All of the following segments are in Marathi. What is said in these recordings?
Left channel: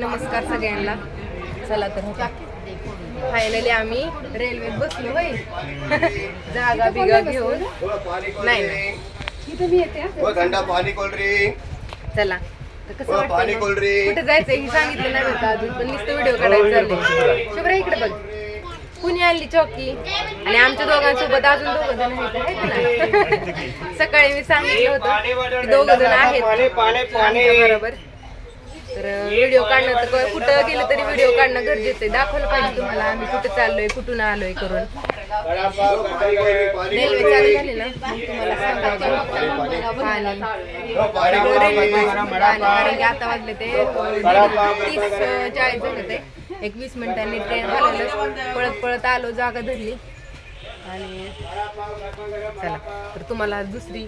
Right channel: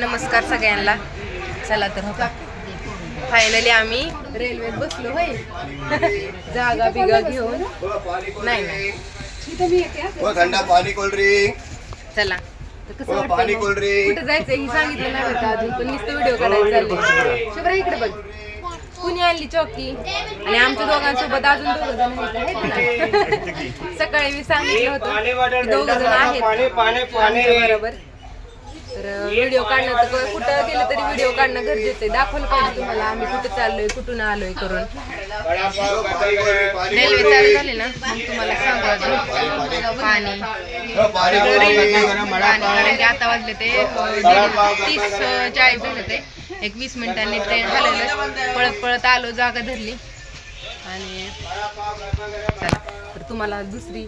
नमस्कार सगळ्यांना. चला तर होता फायनली आम्ही रेल्वेत बसलो होय? जागा बिगा घेऊन. नाही नाही. व थंडा पाणी कोल्ड्रिंक चला. तर कसं व वाटतंय पाणी मग? कोल्ड्रिंक कुठे जायचं हे सांगितलं नाही का अजून पण नुसतं व्हिडिओ करायचा. शुभ्रा इकडे बघ. कुणी आणली चौकी? आणि आमच्या दोघांसोबत अजून दोघ जण आहेत सकाळी मी सांगितलं होतं दोघ जण आहेत. आमच्या बरोबर. तर व्हिडिओ काढणं तर कुठं गेलं तरी व्हिडिओ काढणं गरजेचं आहे. दाखवलं पाहिजे तुम्हाला आम्ही कुठं चाललोय कुठून आलोय करून. रेल्वे चालू झाली ना? मग तुम्हाला सांगू अजून. पाणी. रेल्वे पाणी. कारण की आता वाजले ते तीस चाळीस झालं ते. एक वीस मिनिटांनी ट्रेन हलवलं. पळत पळत आलो जागा धरली. आणि चला. तर तुम्हाला दुसरी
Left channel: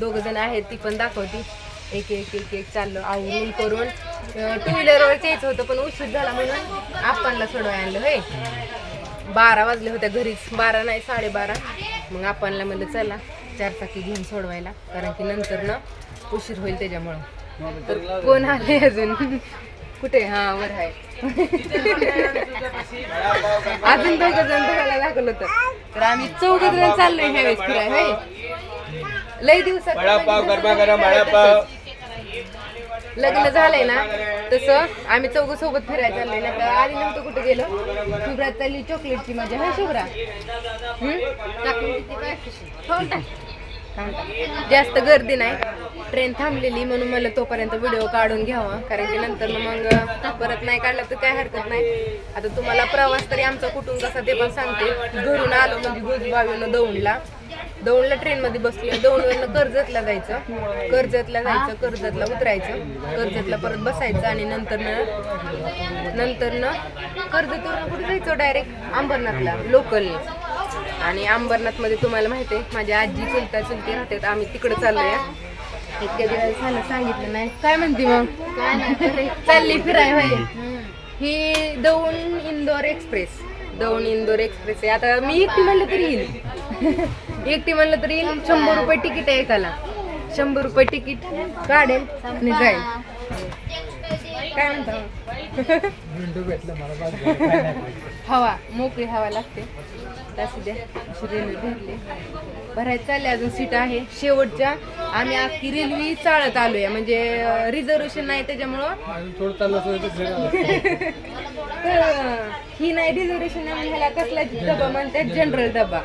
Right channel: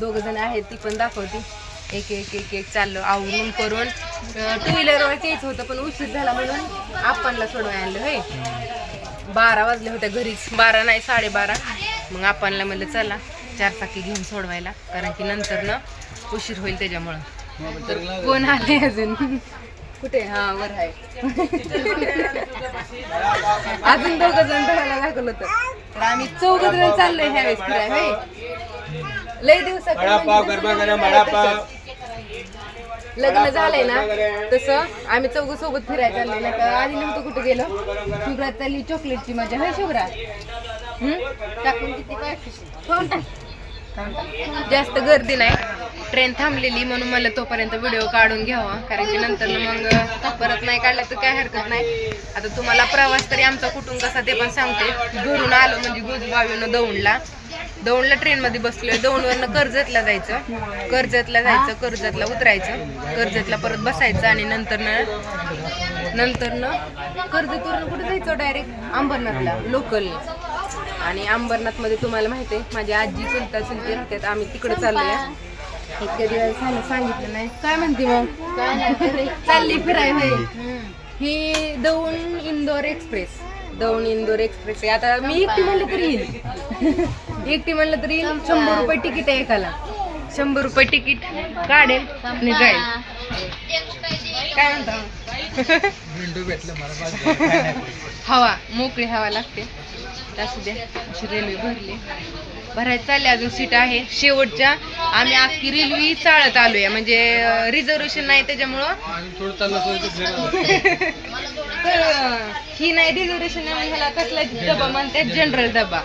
दोघ जण आहेत ती पण दाखवती. एक एक एक एक चाललो आवरून करून टू व्हीलरवर यायचं होतं पण उशीर झाला म्हणून आपणला सोडवाय आणलं होय. बारा वाजले होत्या घरीच. बारा नाही साडेबारा. मग आपणला म्हणलं चला चार चाकी घेऊन सोडवायला कारण की नंतर ना उशीर होईल त्याच्यामुळं. तर कोण आले अजून? कुठे? हा वर आहे. अजून दोघ जण धरायला लागलं होतं. तर आम्ही चौघ जण चाललोय ह्यावेळेस फिराय होय. लय दिवसात लग्न झालंय ना तसं आम्ही चौघ सोबत फिरायला चाललोय ना तर आधी नव्हतं कुठे गेलो? शुभ्रा चालली चॉकलेटची मजा. होय शुभ्रा? हो? हो? जास्त गर्दी नाही. ट्रेन थांबलेली म्हणून मला तोपर्यंत व्हिडिओ काढून घ्यावा. कारण की नंतर मग परत नाही काढला तर काय हरकत नाही. आता तुम्हाला प्रवास तरी आमचा कुठून कसा ते पण सांगते. घरून आलो म्हणजे गुजबावीनं दौंडला. दौंडला ट्रेनमध्ये बसलोय. दौंडवरनं कर्जतला जायचं. कर्जतला जायचं कर्जतला उतरायचं. कर्जतला परत बसायचं आणि नंतर नंतर न कर्जतवरनं कुठे जायचं डायरेक्ट अंबरनाथला लोकलने आणि अंबरनाथमध्ये तुम्हाला माहिती आहे माझी आजी चुलता चुलती राहतात. आम्ही तिकडे चाललोय. इतक्या दिवस झालं सांगितलं नाही. काय म्हणते मग? काय नाही चालली फिराय ही दौंड इंदोर एक्सप्रेस दौंड इंदोर एक्सप्रेस आहे. आता मी एकटी म्हणलं तरी येईल. एकटी म्हणलं तरी येईल. शंभर रुपये तिकीट आहे एकाला. शंभर रुपये तिकीट काढेल आणि जाईल. काय म्हणता? हवा मोकळी हवा लागते. असू द्या अशी रेल्वे भरली. भरायचं चालले अजून सीट आहे. शेवटच्या आम्ही अख्खी रेल्वे चालत आलोय. म्हणजे रिझर्वेशन नाही त्याच्यामुळं. तर ही नाही रिझर्वेशन नाही ह्याला कसला डबा म्हणतात जनरल डबा.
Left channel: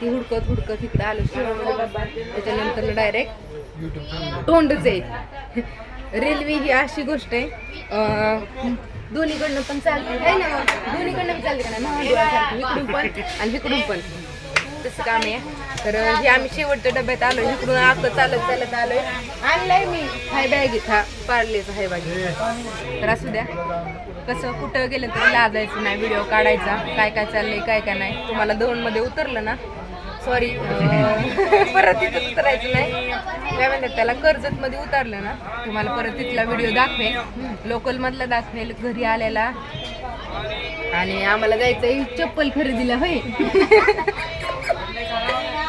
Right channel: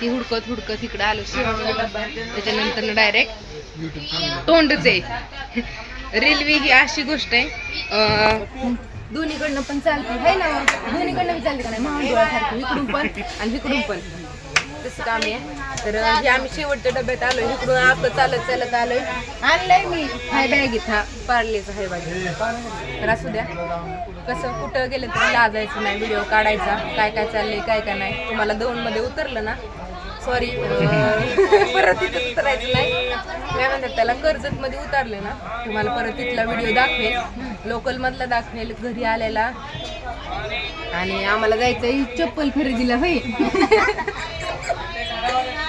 ती हुडकत हुडकत इकडं आलो शेवटचा डबा. त्याच्यानंतर डायरेक्ट तोंडच. आहे रेल्वे ही अशी गोष्ट आहे. दोन्हीकडनं पण चालते आहे ना? दोन्हीकडनं पण चालते का नाही? महाडोळ्यासारखी इकडून पण आणि इकडून पण. तसं काम आहे. तर हे आम्ही शेवटच्या डब्यात आलो इकडून आता चालत चालत आलोय. आणलंय मी हाय बॅगीत हा पार्लेच हाय बागी. तर असू द्या. कसं कुठं गेलं तर लाजायचं नाही. व्हिडिओ काढायचा. काय काय चाललंय काय काय नाही. तुम्हाला दोनमध्ये उतरलं ना. सॉरी परत तिथं उतरायचं नाही. काय म्हणतात त्याला कर्जत मध्ये उतरलं ना. तुम्हाला परत तिथला व्हिडिओ दाखवेल. लोकल मधला दाखवेल. घरी आलेला. आणि आम्हाला जायचं चप्पल खरेदीला होय.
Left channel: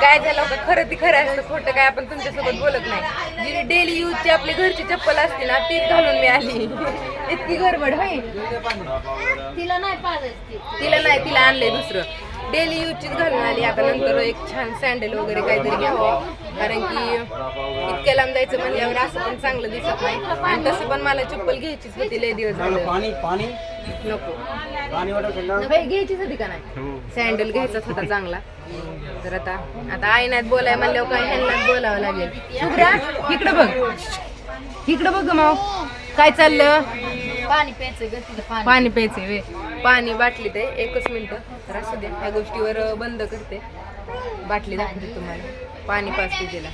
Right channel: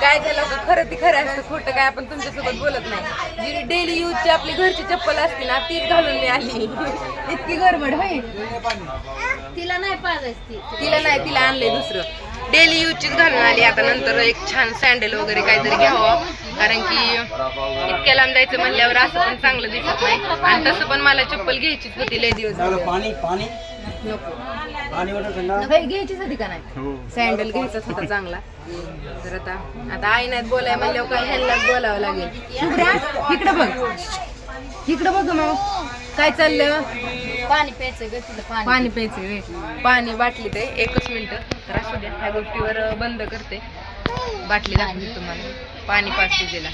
काय झालं होतं खरं ती खरं असतं खोटं काय आपण तुमच्यासोबत बोलत नाही. जी डेली यूजची आपली घरची चप्पल असते ना तीच घालून मी आली. इतकी गडबड होय. तिला नाही पाजायची तिला नाही तिला आणलंय दुसरं. डेली यूजचीच घालून आली. आता नंतर एक छान सँडल वगैरे काहीतरी घ्यावं. कारण की इतक्या लांब जायचं म्हणल्यावर असं पण चांगलं दिसत नाही. आणि तसं पण मला चप्पल घ्यायचीच होती लय दिवस झाले. पाणी पाणी. नको. होय, घ्यायचीच होती का नाही? सँडल घ्यायचाच होता चांगला. तर आता आता आई नाही बोलाय म्हणल्यावर काय ह्यांनाच बोलावं लागेल. शुभ्रा इकडं बघ. इकडं बघ मग काय चाललं? पाणी प्यायचं पाणी. पाणी प्यायचे वे पाणी बाटली ते एकच मिनिट. तर असू द्या ह्या गोष्टीवर बंद करते. बाटली दाखवते तुम्हाला. पाणी पाचते तिला.